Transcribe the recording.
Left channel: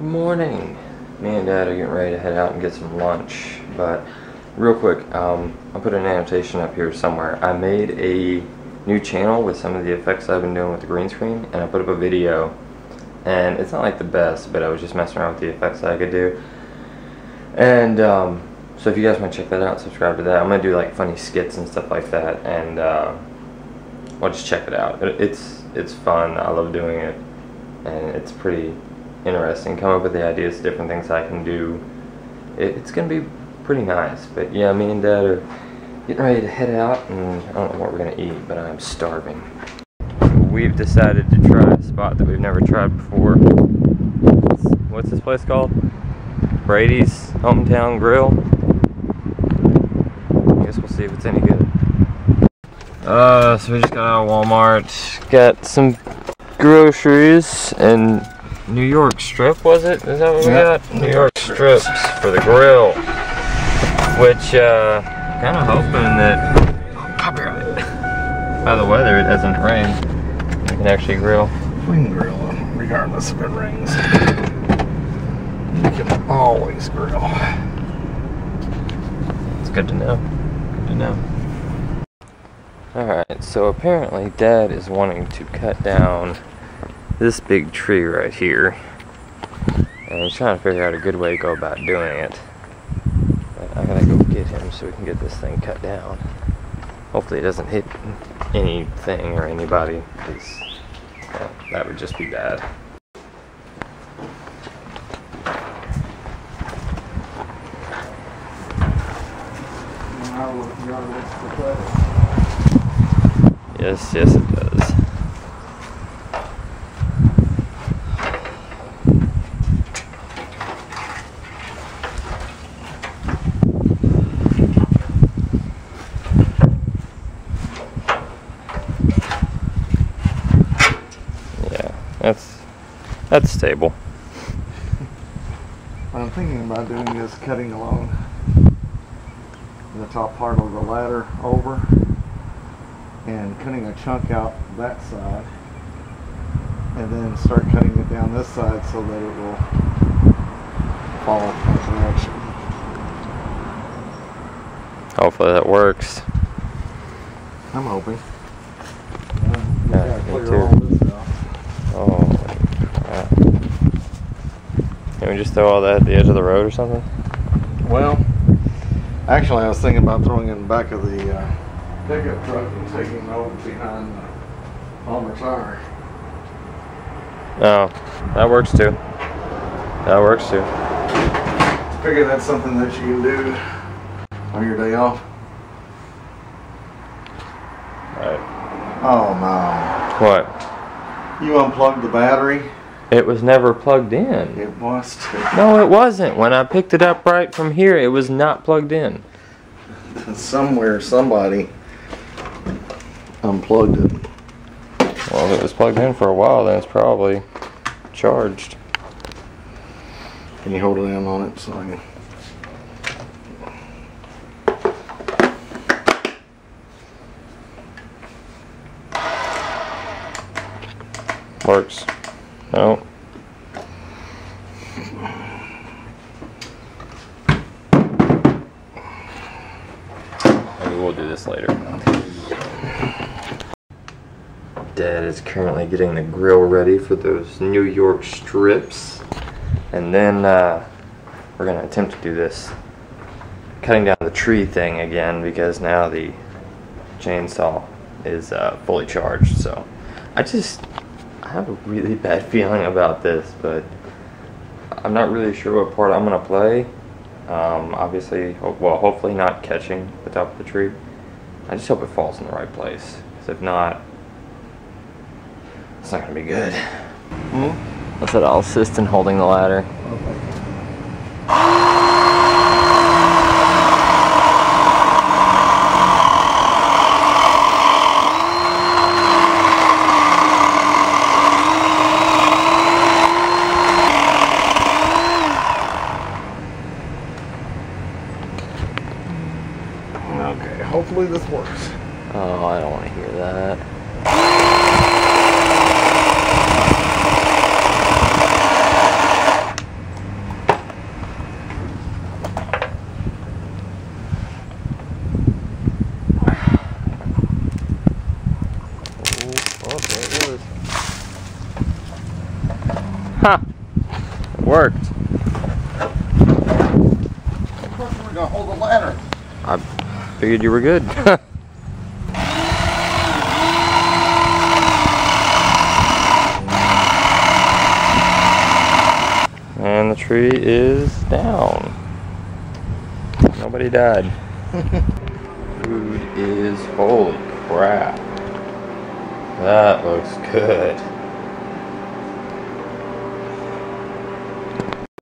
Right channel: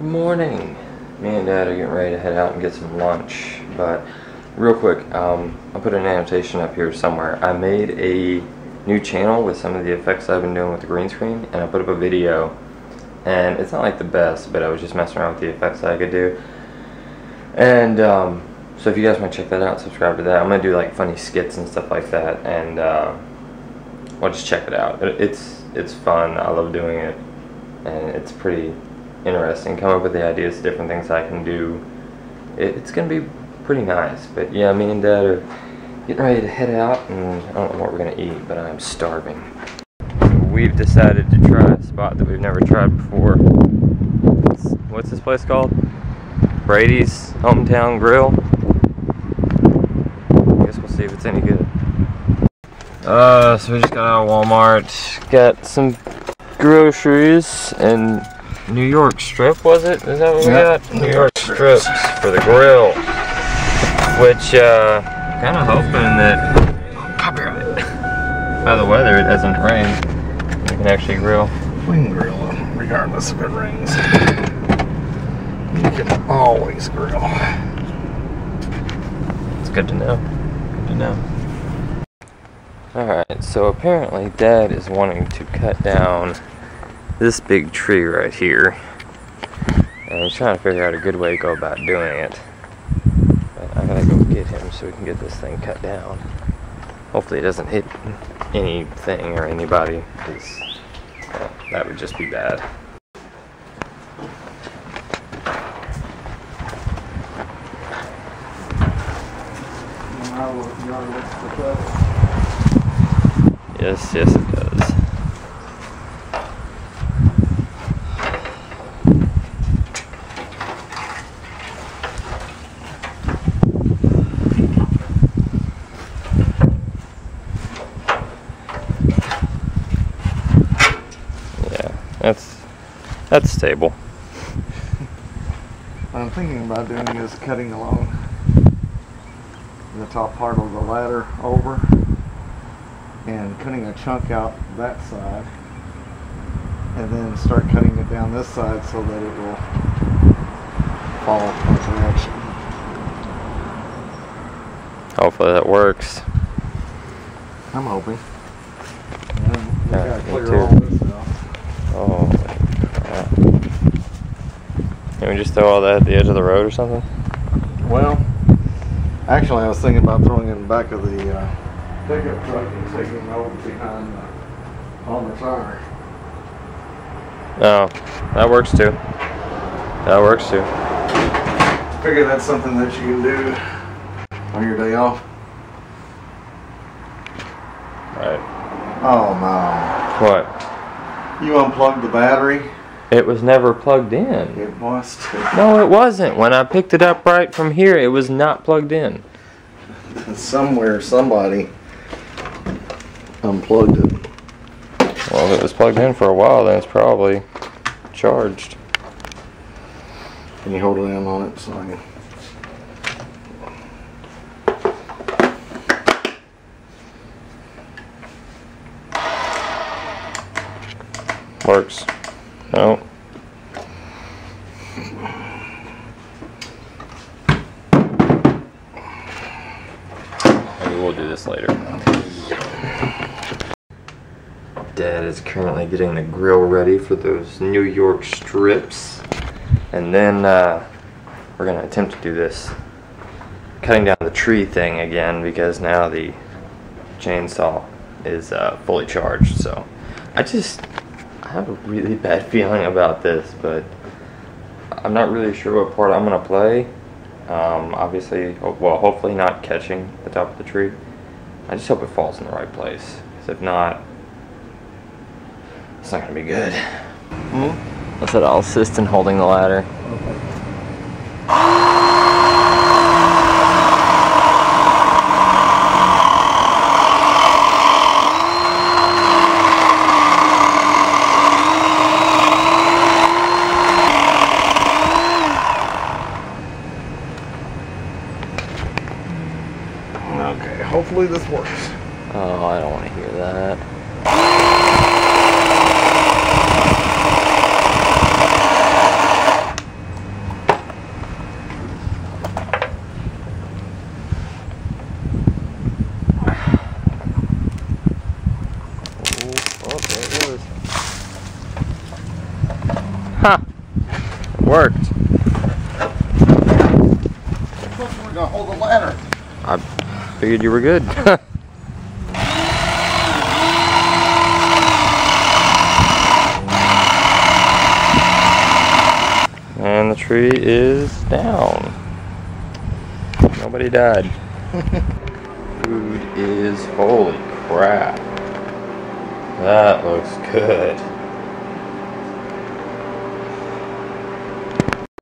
Morning. Me and Dad are getting ready to head out and get some lunch, but real quick, I'll put an annotation up here somewhere. I made a new channel with some of the effects I've been doing with the green screen, and I put up a video, and it's not like the best, but I was just messing around with the effects that I could do. And so if you guys want to check that out, subscribe to that. I'm gonna do like funny skits and stuff like that, and well, just check it out. It's fun. I love doing it, and it's pretty interesting. Come up with the ideas, different things I can do. It's gonna be pretty nice. But yeah, me and Dad are getting ready to head out, and I don't know what we're gonna eat, but I'm starving. We've decided to try a spot that we've never tried before. What's this place called? Brady's Hometown Grill. I guess we'll see if it's any good. So we just got out of Walmart, got some groceries, and New York strip, was it? Is that what we got? New York strips for the grill. Which, kind of hoping that, copyright, by the weather, it doesn't rain. We can actually grill. We can grill regardless if it rains. You can always grill. It's good to know. Good to know. Alright, so apparently Dad is wanting to cut down this big tree right here, and he's trying to figure out a good way to go about doing it. But I gotta go get him so we can get this thing cut down. Hopefully it doesn't hit anything or anybody, because that would just be bad. Yes, it does. That's stable. What I'm thinking about doing is cutting along the top part of the ladder over and cutting a chunk out that side, and then start cutting it down this side so that it will fall from direction. Hopefully that works. I'm hoping. We Yeah, gotta me clear too. all this out. Holy crap. Can we just throw all that at the edge of the road or something? Well, actually I was thinking about throwing it in the back of the pickup truck and taking it over behind the Palmer tire. Oh, that works too. That works too. Figure that's something that you can do on your day off. Right. Oh no. What? You unplugged the battery? It was never plugged in. It was. No, it wasn't. When I picked it up right from here, it was not plugged in. Somewhere, somebody unplugged it. Well, if it was plugged in for a while, then it's probably charged. Can you hold it in on it so I can... Works. No. Maybe we'll do this later. Dad is currently getting the grill ready for those New York strips. And then we're going to attempt to do this cutting down the tree thing again, because now the chainsaw is fully charged. So I have a really bad feeling about this, but I'm not really sure what part I'm going to play. Obviously, well, hopefully not catching the top of the tree. I just hope it falls in the right place, because if not, it's not going to be good. I said I'll assist in holding the ladder. Okay, hopefully this works. Oh, I don't want to hear that. There it goes. Ha! It worked. We're gonna hold the ladder. I figured you were good. And the tree is down. Nobody died. Food is, holy crap. That looks good.